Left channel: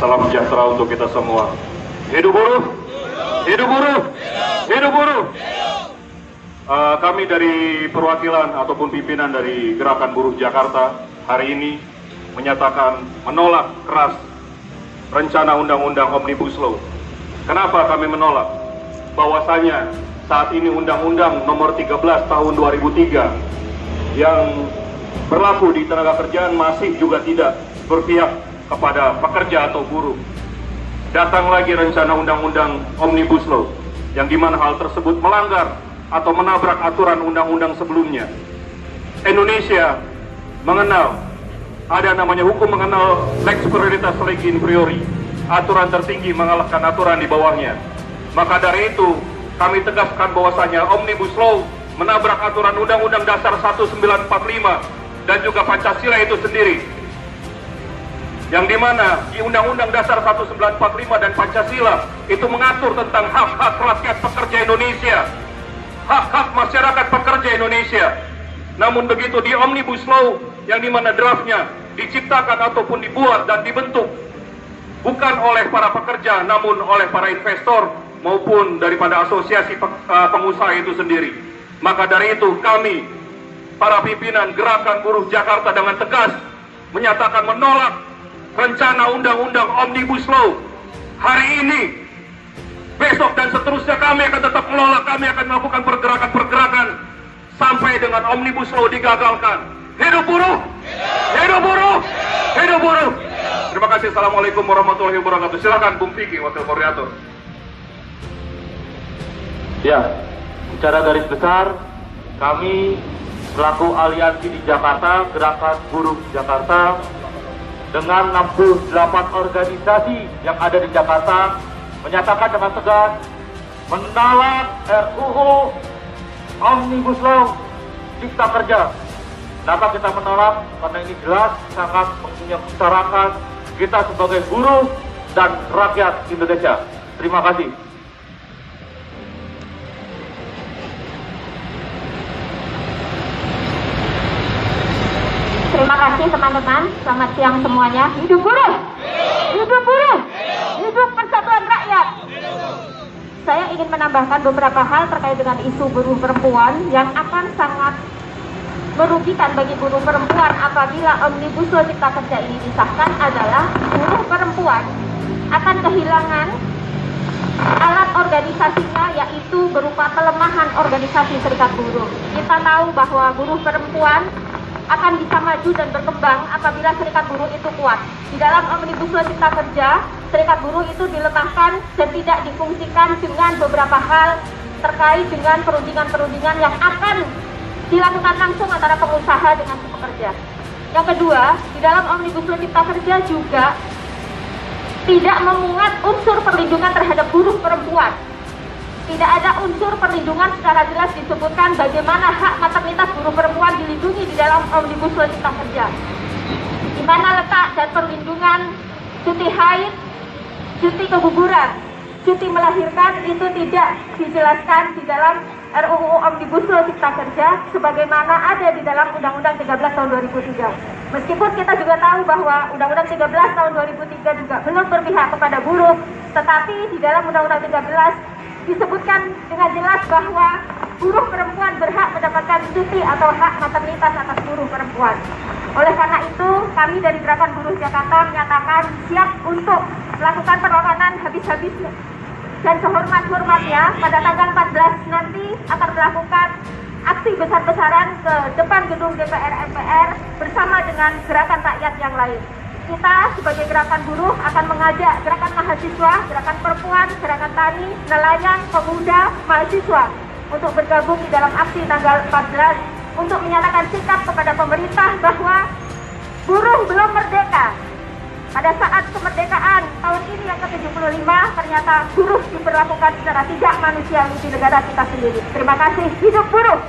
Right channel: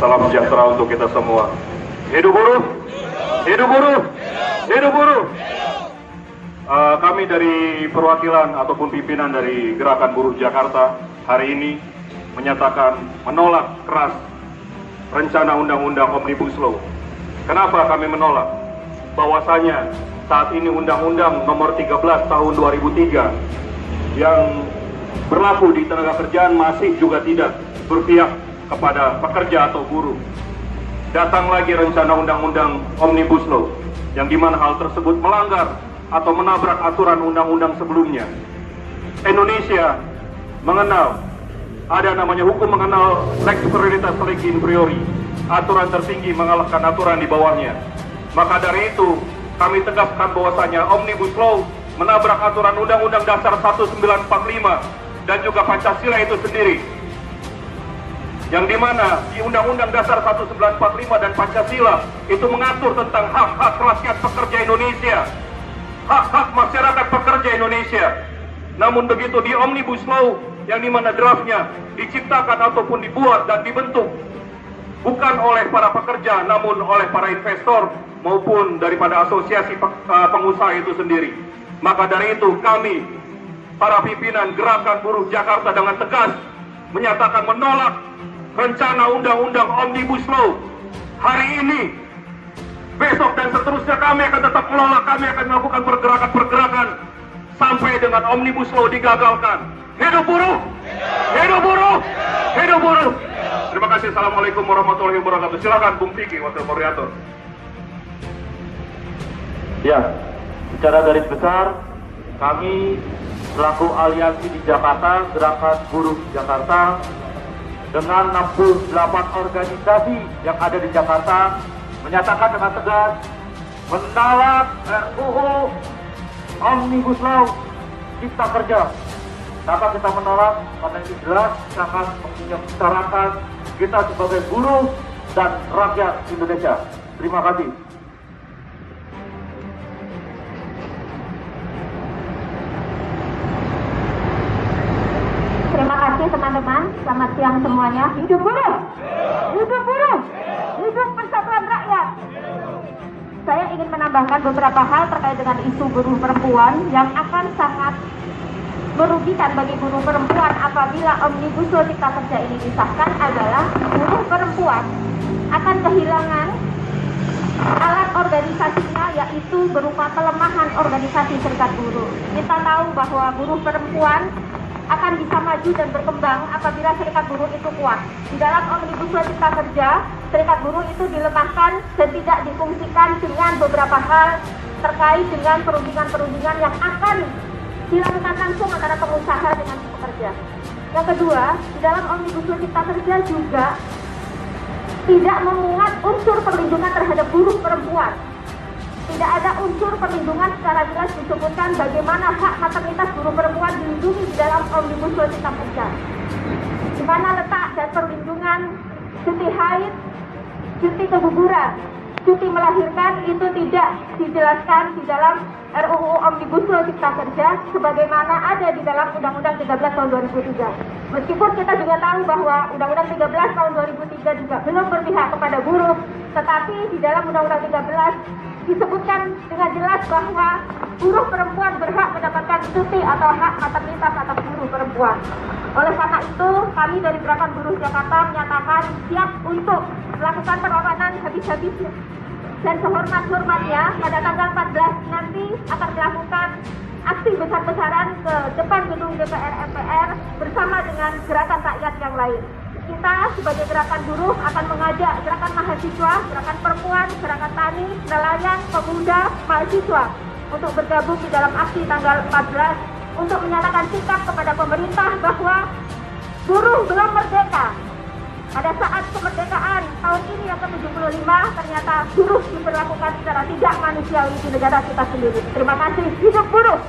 Salam sejahtera untuk kita semua. Hidup buruh! Hidup buruh! Hidup buruh! Kami dari perwakilan ataupun pimpinan dari Gerakan Buruh Jakarta hari ini menyatakan menolak keras rencana Undang-Undang Omnibus Law. Kenapa kami menolak? Bahwasanya saat ini Undang-Undang Nomor 13 Tahun 2003 yang berlaku di tenaga kerjaan masih juga tidak berpihak kepada pekerja atau buruh. Datang lagi rencana Undang-Undang Omnibus Law yang dimana hal tersebut melanggar atau menabrak aturan undang-undang sebelumnya. Indonesia mengenal ada namanya hukum mengenal lex superioritas legi inferiori, aturan tertinggi mengalahkan aturan di bawahnya. Maka dari itu kami tegaskan bahwasanya Omnibus Law menabrak aturan Undang-Undang Dasar 1945 dan juga Pancasila itu sendiri, yang dimana di Undang-Undang Dasar 1945 dan Pancasila itu mengatur tentang hak-hak rakyat pekerja Indonesia, hak-hak masyarakat pekerja Indonesia. Namun begitu di Omnibus Law yang dimana draftnya diciptakan ataupun dibuat dan dibentuk bukan oleh para pekerja namun oleh para investor maupun daripada asosiasi pengusaha itu sendiri. Maka dari itu kami para pimpinan Gerakan Buruh Jakarta dengan tegas menyatakan menolak rencana Undang-Undang Omnibus Law hari ini. Besok dan seterusnya kami akan tetap menolak, kami akan melakukan pergerakan-pergerakan sampai dengan Omnibus Law digagalkan. Hidup buruh! Hidup buruh! Hidup buruh! Terima kasih. Assalamualaikum warahmatullahi wabarakatuh. Silakan Bung Vicky, Wakil Koordinator. Ya, secara garis besar, kami selaku aliansi di Jakarta, Gerakan Buruh Jakarta, dengan 68 organisasi yang ada di Jakarta, menyatakan dengan tegas menolak RUU Omnibus Law Cipta Kerja. Kenapa kita menolak? Karena ini jelas sangat menyengsarakan kita sebagai buruh dan rakyat Indonesia. Terima kasih. Terima kasih teman-teman. Selamat siang semuanya. Hidup buruh! Hidup buruh! Hidup persatuan rakyat! Saya ingin menambahkan beberapa hal terkait dengan isu buruh perempuan yang akan sangat merugikan bagi buruh perempuan apabila Omnibus Law Cipta Kerja ini disahkan adalah buruh perempuan akan kehilangan alat organisasinya, yaitu berupa pelemahan organisasi serikat buruh. Kita tahu bahwa buruh perempuan akan bisa maju dan berkembang apabila serikat buruh itu kuat. Di dalam Omnibus Law Cipta Kerja, serikat buruh itu dilemahkan dan tidak difungsikan dengan beberapa hal terkait dengan perundingan-perundingan yang akan dilakukan langsung antara pengusaha dengan pekerja. Yang kedua, di dalam Omnibus Law Cipta Kerja juga tidak memuat unsur perlindungan terhadap buruh perempuan. Tidak ada unsur perlindungan secara jelas disebutkan bagaimana hak maternitas buruh perempuan dilindungi di dalam Omnibus Law Cipta Kerja. Di mana letak dan perlindungan cuti haid, cuti keguguran, cuti melahirkan itu tidak dijelaskan di dalam RUU Omnibus Law Cipta Kerja sebagaimana ada di dalam Undang-Undang 13 tahun 2003. Meskipun kita juga tahu bahwa Undang-Undang 13 tahun 2003 juga belum berpihak kepada buruh, tetapi di dalam Undang-Undang 13 disebutkan dengan jelas bahwa buruh perempuan berhak mendapatkan cuti atau hak maternitas atas buruh perempuan. Oleh karena itu, kami dari Gerakan Buruh Jakarta menyatakan siap untuk melakukan perlawanan habis-habisnya dan sehormat-hormatnya pada tanggal 14 nanti akan melakukan aksi besar-besaran ke depan gedung DPR MPR bersama dengan gerakan rakyat yang lain. Kita sebagai gerakan buruh akan mengajak gerakan mahasiswa, gerakan perempuan, gerakan tani, nelayan, pemuda, mahasiswa untuk bergabung di dalam aksi tanggal 14 untuk menyatakan sikap kepada pemerintah bahwa buruh belum merdeka. Pada saat kemerdekaan tahun ini yang ke-75 ternyata buruh diperlakukan secara tidak manusiawi di negara kita sendiri. Terima kasih. Hidup buruh!